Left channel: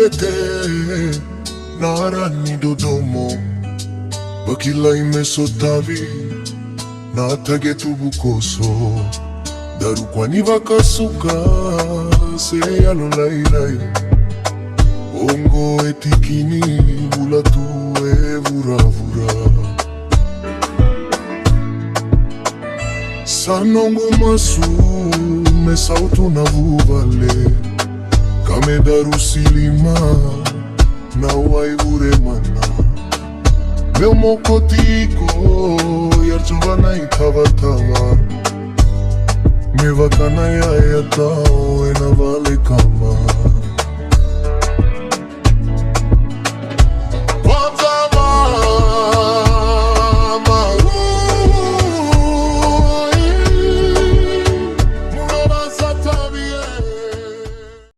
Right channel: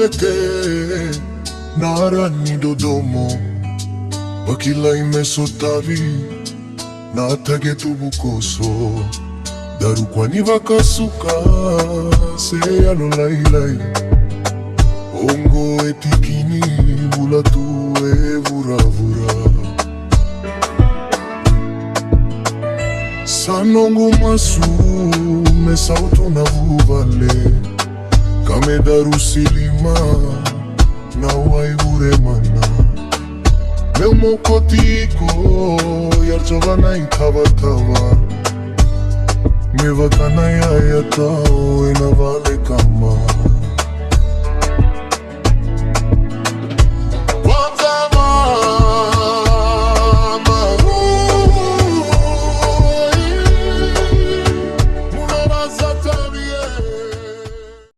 bete nara ni dodomo bakila imesotavi na tage tubukoso daru kwani vakasuka se alo lailai ongo etikini ula tuwe vura vura sanongo masu me sauto na vuvale kame daru silima na wai vure mana meu mokotiko yar chovana inkavatama me vatana ya yatao ena vale kama